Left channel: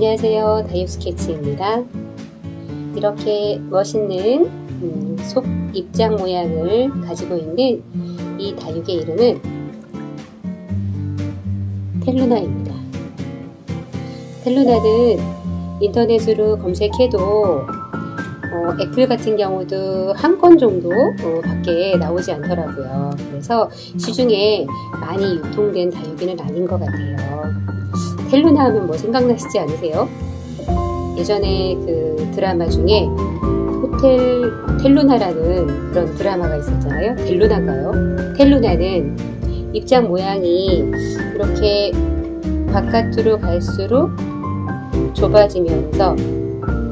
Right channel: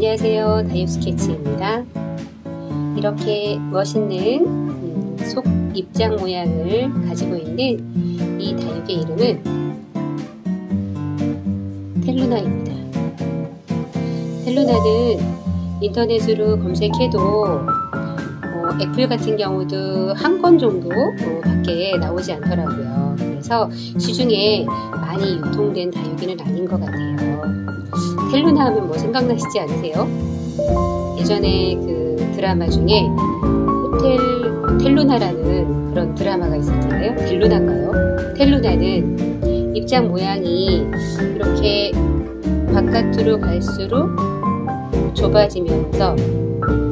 안녕하세요, 다육스케치입니다. 이렇게 멋있는 속 입장 모양을 가지고 있는 이 다육의 이름은 텔루나입니다. 텔루나는 인터넷으로 검색해도 애플 같은 경우도 한 건 정도 밖에 나오지 않더라고요. 그래서 시중에 많이 유통된 다육이는 아닌 것 같아요. 텔루나 하면 뭐 생각나시지 않으세요? 예전에 그 드라마 중에 호텔 텔루나라는 그런 드라마가 있었잖아요. 텔루나인가요? 텔루나는 입장 모양이 이렇게 바깥으로 갈수록 좁아지면서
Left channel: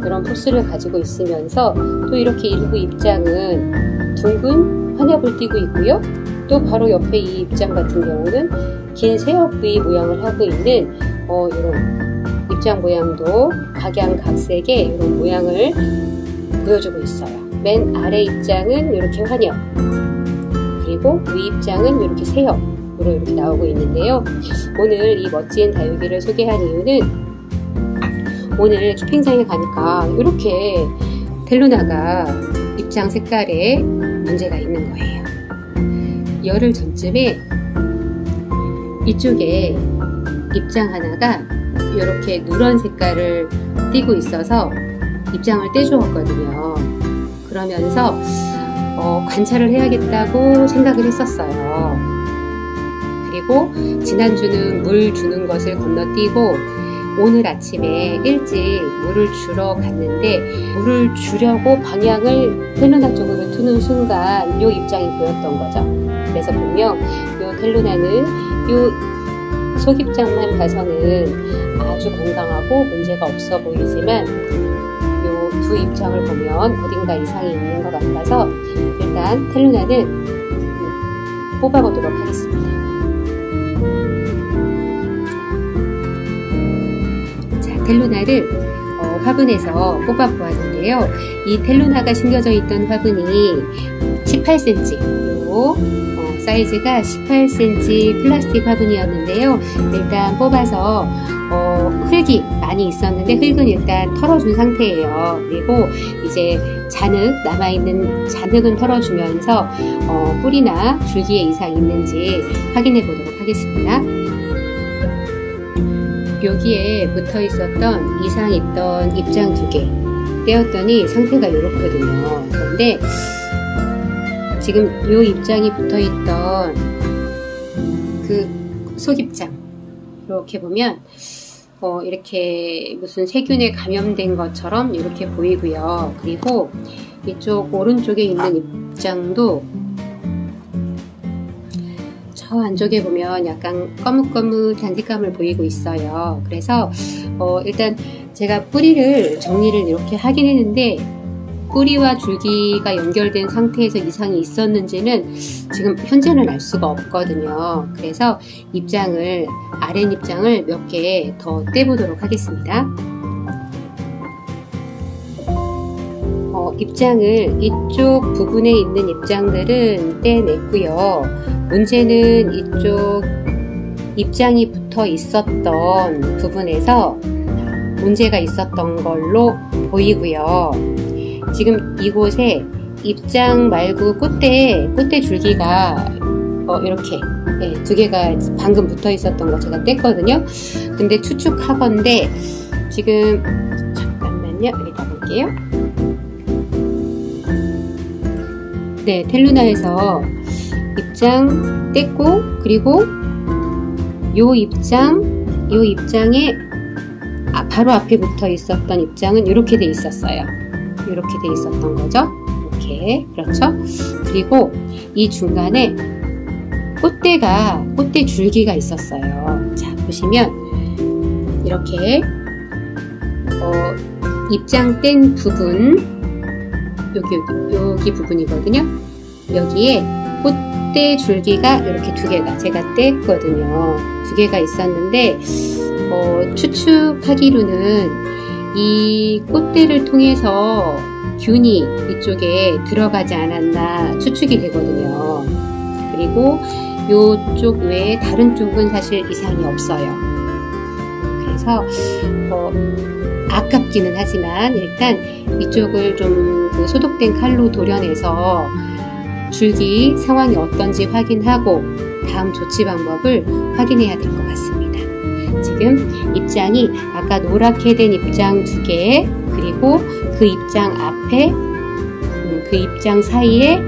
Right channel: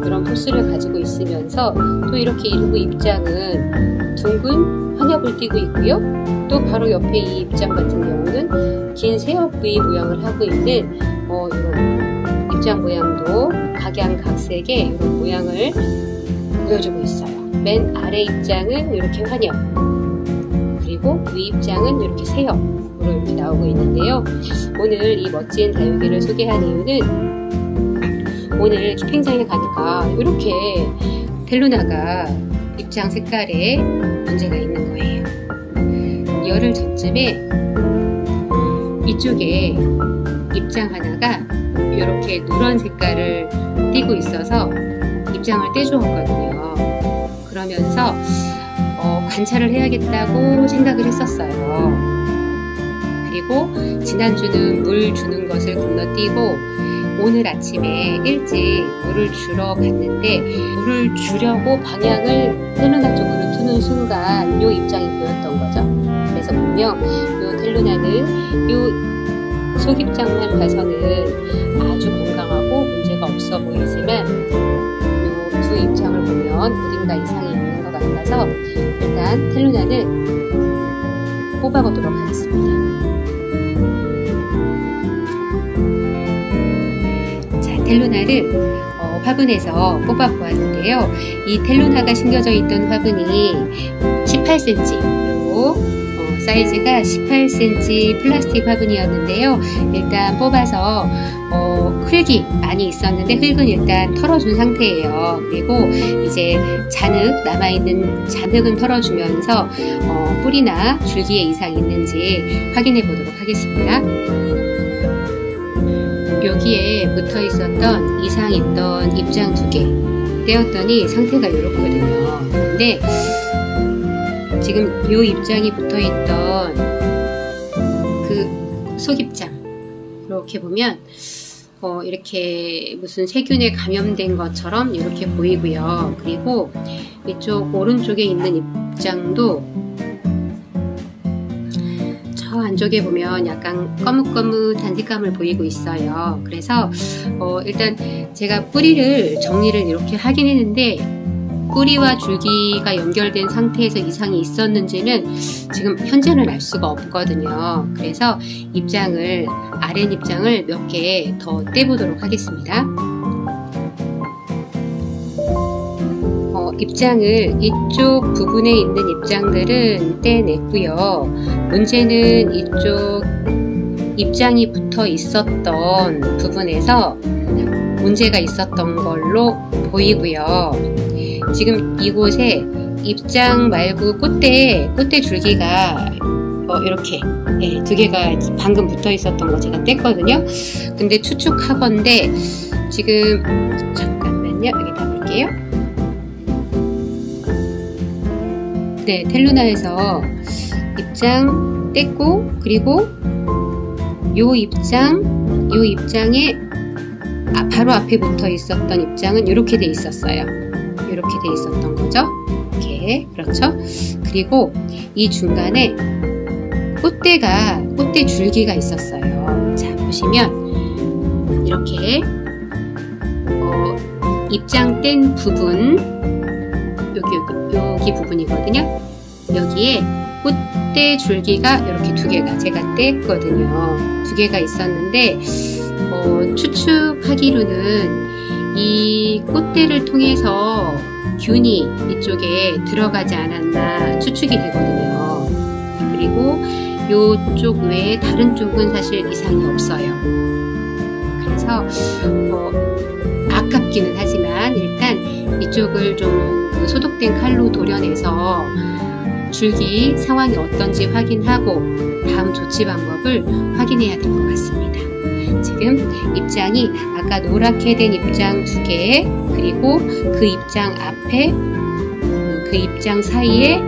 그런 포스를 가지고 있으면서 또 이렇게 일부 입장은 둥근 환엽을 띠고 있고요. 또 바로 옆에 이 입장 같은 경우는 긴 새엽 V 모양을 하고 있는 이런 입장 모양도 각양각색의 이런 모양을 보여주고 있어요. 맨 아래 입장은 이렇게 환엽, 그리고 위 입장은 이렇게 새엽으로 이렇게 나오고 있는데요. 오늘 이 멋진 다육이를 소개한 이유는 오늘 키핑장에 가니까 이렇게 텔루나가 입장 색깔에 문제가 있는 거예요. 열흘 전쯤에 이쪽에 입장 하나가 이렇게 누런 색깔을 띠고 있어서 입장을 떼주었거든요. 그러면서 관찰을 해야겠다고 생각을 했었어요. 그리고 지난주는 물 주는 것을 건너뛰고 오늘 아침에 일찍 물을 주러 갔는데 물을 주려고 방향을 텔루나 쪽으로 두는 순간 이 입장이 보였던 거죠. 그래서 분명 이 텔루나는 이 속입장만 봐서는 아주 건강하고 문제가 없어 보이지만 이 두 입장을 보면 어딘가 이상이 있는 것 같아서 일단 텔루나는 뽑아보도록 하겠습니다. 텔루나를 화분에서 뽑아보았는데요. 이 텔루나가 심겨져 있던 화분이 18cm, 그리고 사이즈가 18cm 플라스틱 화분이었는데요. 일단 뽑아서 흙이 많이 있었는데 흙은 일단 털어준 상태예요. 그리고 이제 잔흙, 남아있는 잔흙은 털어주면서 뿌리나 줄기에 이상이 있는지 확인해 보도록 하겠습니다. 여기에 붙어 있었던 이상 있던 입장 2개 떼었더니 상태가 이렇거든요. 그런데 지금 이 입장이 붙어 있던 그 속입장 이렇게 보면 이렇게 무슨 세균에 감염된 것처럼 이렇게 보이고요. 그리고 이쪽 오른쪽에 있는 입장도 저 안쪽에 보면 약간 거뭇거뭇한 색감을 보이고 있어요. 그래서 일단 제가 뿌리를 정리를 이렇게 하긴 했는데 뿌리와 줄기가 연결된 상태에서 이상이 있었는지는 지금 현재는 알 수가 없거든요. 그래서 입장을 아랫 입장을 몇 개 더 떼보도록 하겠습니다. 입장을 이쪽 부분에 있는 입장들은 떼냈고요. 문제는 이쪽 입장이 붙어 있었던 부분에서 문제가 있었던 걸로 보이고요. 지금 이곳에 입장 말고 꽃대 줄기가 이렇게 2개가 방금 붙어 있었던 거 제가 뗐거든요. 근데 추측하건대 지금 잠깐만요. 여기다 놓을게요. 네, 텔루나에서 입장 뗐고 그리고 요 입장에 바로 앞에 붙어 있었던 입장은 이렇게 돼 있었어요. 이렇게 돼 있었던 거죠. 이렇게, 그렇죠. 그리고 이 중간에 꽃대 줄기가 있었어요. 자, 보시면 이렇게 입장 뗀 부분 여기 부분이거든요. 여기에 꽃대 줄기가 이렇게 2개가 제가 뗐거든요. 2개가 있었는데 추측하기로는 이 꽃대를 통해서 균이 이쪽에 들어가지 않았나 추측이 되거든요. 그리고 이쪽 외에 다른 쪽은 사실 이상이 없어요. 그래서 아깝기는 하지만 일단 이쪽을 좀 소독된 칼로 도려내서 줄기 상황이 어떤지 확인하고 다음 조치 방법을 확인해야 될 것 같습니다. 지금 입장이 아까 노랗게 된 입장 2개, 그리고 그 입장 앞에 그 입장 사이에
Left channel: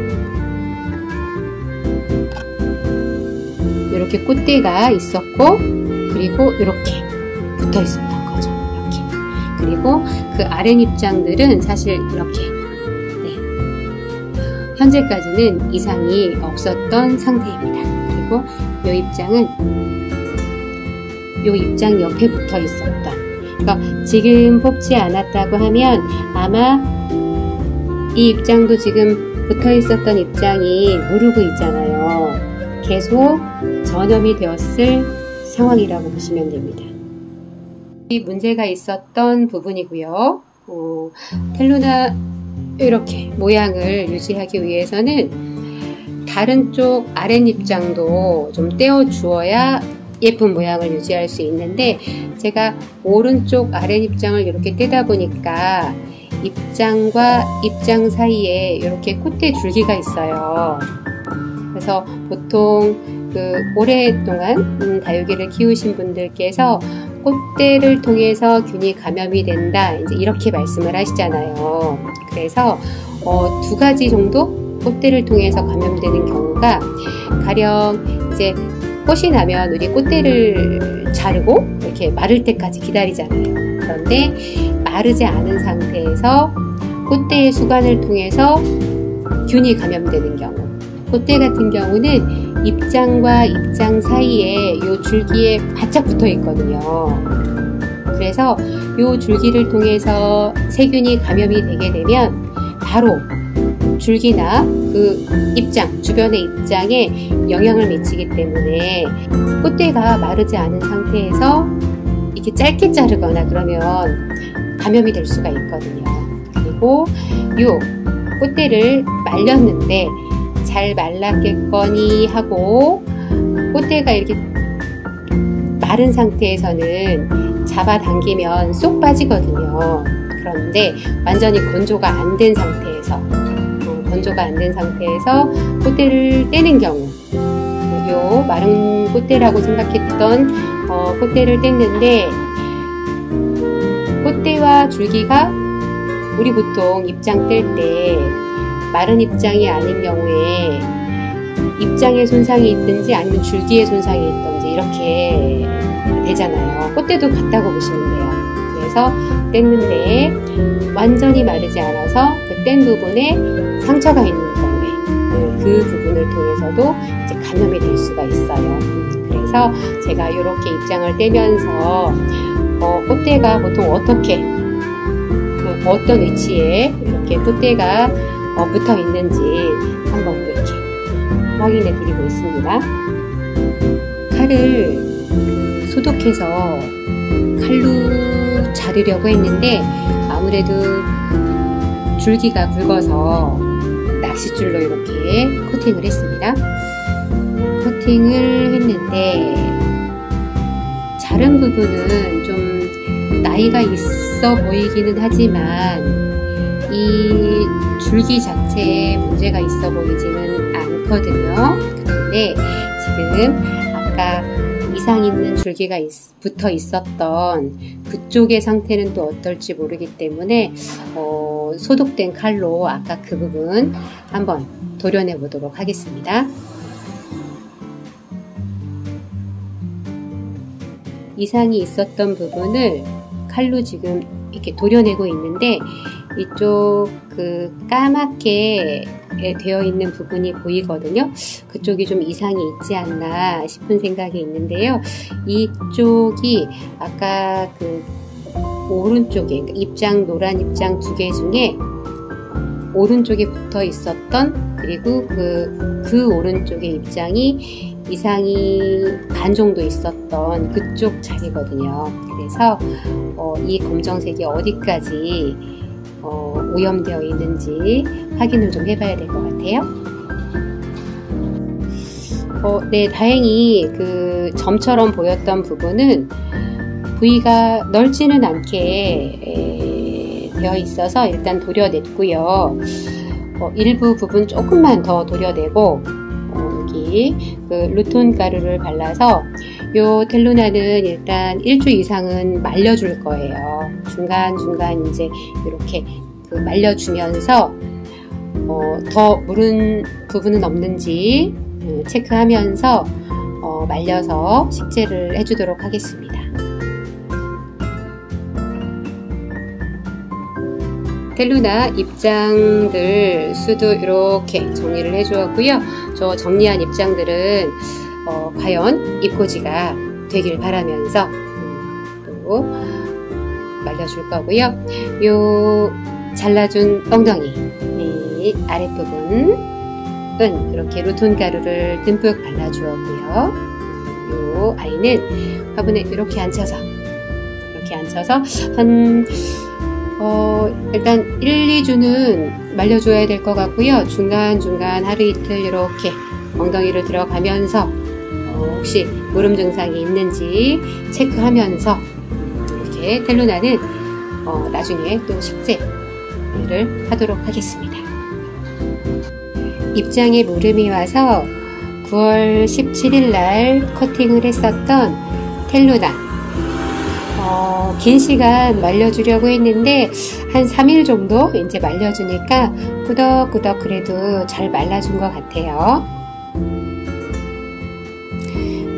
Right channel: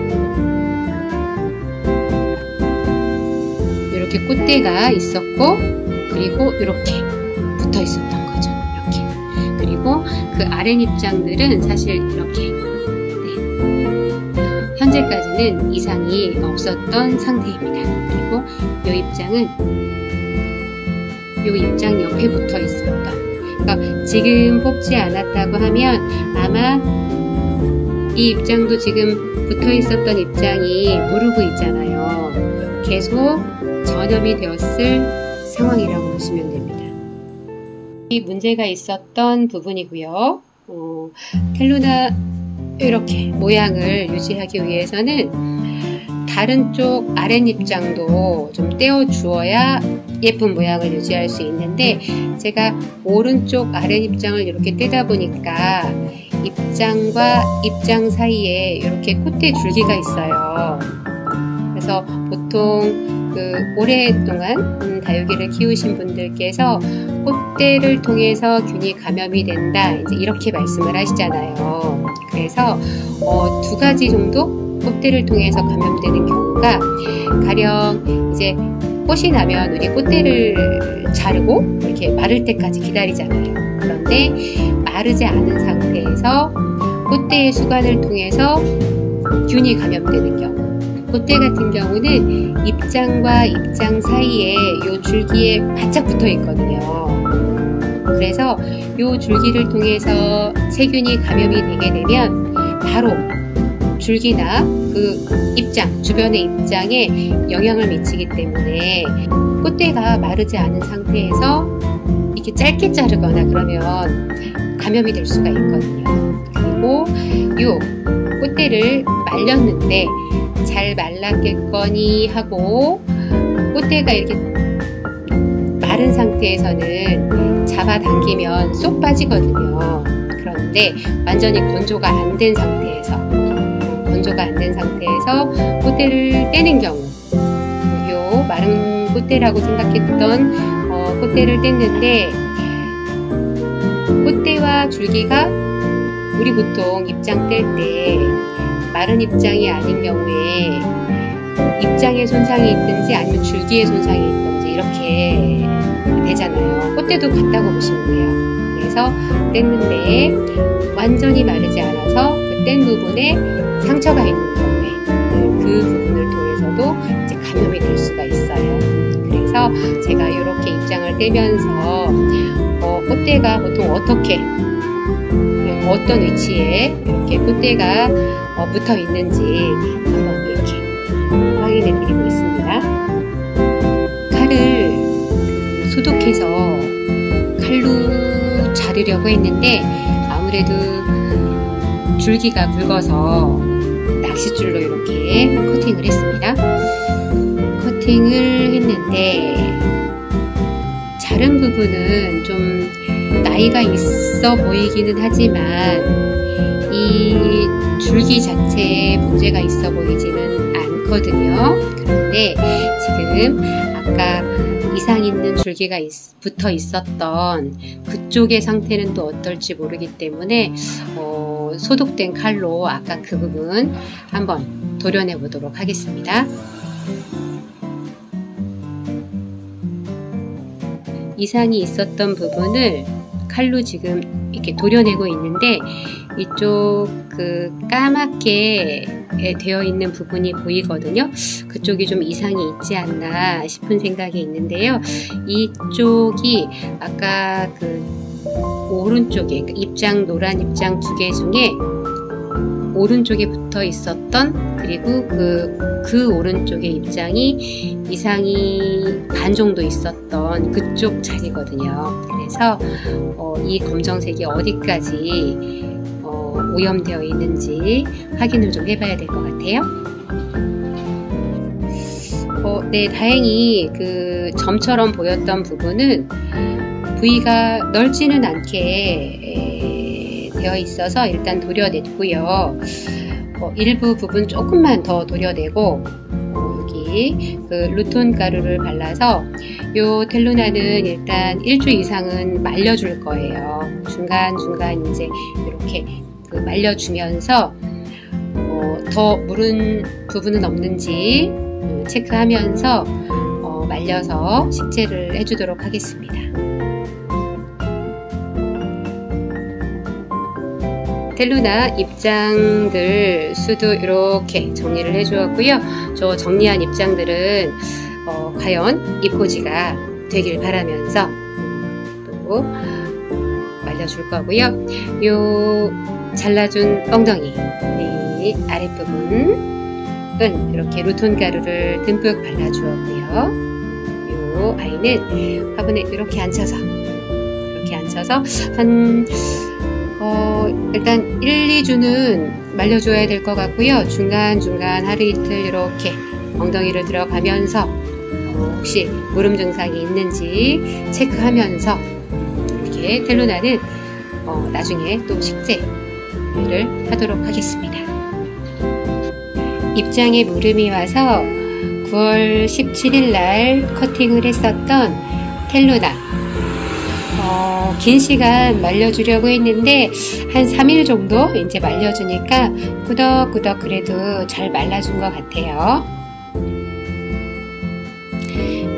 이렇게 꽃대가 있었고, 그리고 이렇게 붙어 있었던 거죠. 이렇게. 그리고 그 아랫입장들은 사실 이렇게 현재까지는 이상이 없었던 상태입니다. 그리고 이 입장은 이 입장 옆에 붙어 있었던, 그러니까 지금 뽑지 않았다고 하면 아마 이 입장도 지금 붙어 있었던 입장이 무르고 있잖아요. 계속 전염이 되었을 상황이라고 보시면 됩니다. 이 문제가 있었던 부분이고요. 텔루나 이렇게 모양을 유지하기 위해서는 다른 쪽 아랫입장도 좀 떼어 주어야 예쁜 모양을 유지할 수 있는데, 제가 오른쪽 아랫입장을 이렇게 떼다 보니까 입장과 입장 사이에 이렇게 꽃대 줄기가 있어요. 그래서 보통 오랫동안 다육이를 키우신 분들께서 꽃대를 통해서 균이 감염이 된다, 이제 이렇게 말씀을 하시잖아요. 그래서 2가지 정도 꽃대를 통해서 감염되는 경우가, 가령 이제 꽃이 나면 우리 꽃대를 자르고 이렇게 마를 때까지 기다리잖아요. 그런데 마르지 않은 상태에서 꽃대의 수관을 통해서 균이 감염되는 경우, 꽃대 같은 경우는 입장과 입장 사이에 이 줄기에 바짝 붙어 있거든요. 그래서 이 줄기를 통해서 세균이 감염이 되게 되면 바로 줄기나 그 입장, 주변의 입장에 영향을 미치기 때문에 꽃대가 마르지 않은 상태에서 이렇게 짧게 자르거나 그러면 감염이 될 수가 있거든요. 그리고 이 꽃대를 말렸는데 잘 말랐겠거니 하고 꽃대가 이렇게 마른 상태에서는 잡아당기면 쏙 빠지거든요. 그런데 완전히 건조가 안 된 상태에서 꽃대를 떼는 경우, 요 마른 꽃대라고 생각했던 꽃대를 뗐는데, 꽃대와 줄기가 우리 보통 입장 뗄 때 마른 입장이 아닌 경우에 입장에 손상이 있든지 아니면 줄기에 손상이 있든지 이렇게 되잖아요. 꽃대도 같다고 보시면 돼요. 그래서 뗐는데 완전히 마르지 않아서 그 뗀 부분에 상처가 있는 경우에 그 부분을 통해서도 이제 감염이 될 수가 있어요. 그래서 제가 이렇게 입장을 떼면서 꽃대가 보통 어떻게, 어떤 위치에 이렇게 꽃대가 붙어 있는지 한번 이렇게 확인해 드리고 있습니다. 칼을 소독해서 칼로 자르려고 했는데 아무래도 줄기가 굵어서 낚싯줄로 이렇게 커팅을 했습니다. 커팅을 했는데 자른 부분은 좀 나이가 있어 보이기는 하지만 이 줄기 자체에 문제가 있어 보이지는 않거든요. 그런데 지금 아까 이상 있는 줄기가 붙어 있었던 그쪽의 상태는 또 어떨지 모르기 때문에 소독된 칼로 아까 그 부분 한번 도려내 보도록 하겠습니다. 이상이 있었던 부분을 칼로 지금 이렇게 도려내고 있는데, 이쪽 그 까맣게 되어 있는 부분이 보이거든요. 그쪽이 좀 이상이 있지 않나 싶은 생각이 있는데요. 이쪽이 아까 그 오른쪽에 입장, 노란 입장 2개 중에 오른쪽에 붙어 있었던, 그리고 그 오른쪽의 입장이 이상이 반 정도 있었던 그쪽 자리거든요. 그래서 이 검정색이 어디까지 오염되어 있는지 확인을 좀 해봐야 될 것 같아요. 네, 다행히 그 점처럼 보였던 부분은 부위가 넓지는 않게 되어 있어서 일단 도려냈고요. 일부 부분 조금만 더 도려내고 여기 그 루톤 가루를 발라서 요 텔루나는 일단 일주 이상은 말려줄 거예요. 중간중간 이제 이렇게 그 말려주면서 더 무른 부분은 없는지 체크하면서 말려서 식재를 해주도록 하겠습니다. 텔루나 입장들 수도 이렇게 정리를 해주었고요. 저 정리한 입장들은 과연 입꼬지가 되길 바라면서 또 말려줄 거고요. 요 잘라준 엉덩이 아랫부분은 이렇게 루톤 가루를 듬뿍 발라주었고요. 요 아이는 화분에 이렇게 앉혀서 한 일단 1, 2주는 말려줘야 될 것 같고요. 중간중간 하루 이틀 이렇게 엉덩이를 들어가면서 혹시 무름 증상이 있는지 체크하면서 이렇게 텔루나는 나중에 또 식재를 하도록 하겠습니다. 입장에 무름이 와서 9월 17일 날 커팅을 했었던 텔루나 긴 시간 말려주려고 했는데 한 3일 정도 이제 말려주니까 꾸덕꾸덕 그래도 잘 말라준 것 같아요.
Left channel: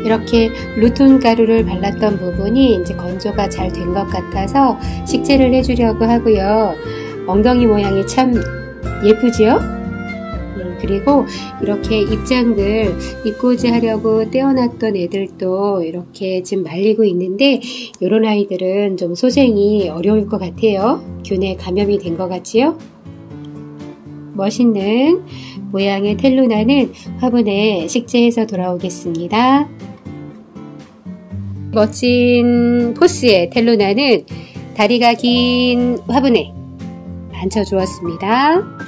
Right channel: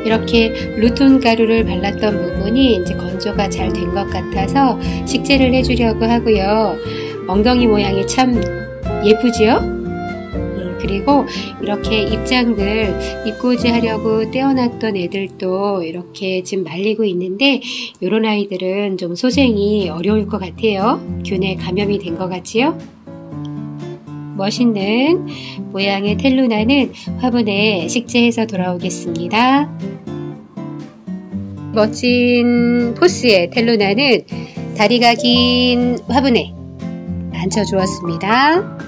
이렇게 루톤 가루를 발랐던 부분이 이제 건조가 잘 된 것 같아서 식재를 해주려고 하고요. 엉덩이 모양이 참 예쁘지요? 그리고 이렇게 입장들 입꼬지 하려고 떼어놨던 애들도 이렇게 지금 말리고 있는데 이런 아이들은 좀 소생이 어려울 것 같아요. 균에 감염이 된 것 같지요? 멋있는 모양의 텔루나는 화분에 식재해서 돌아오겠습니다. 멋진 포스의 텔루나는 다리가 긴 화분에 앉혀주었습니다.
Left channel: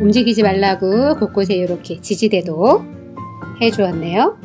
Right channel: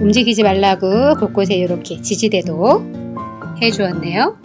움직이지 말라고 곳곳에 이렇게 지지대도 해주었네요.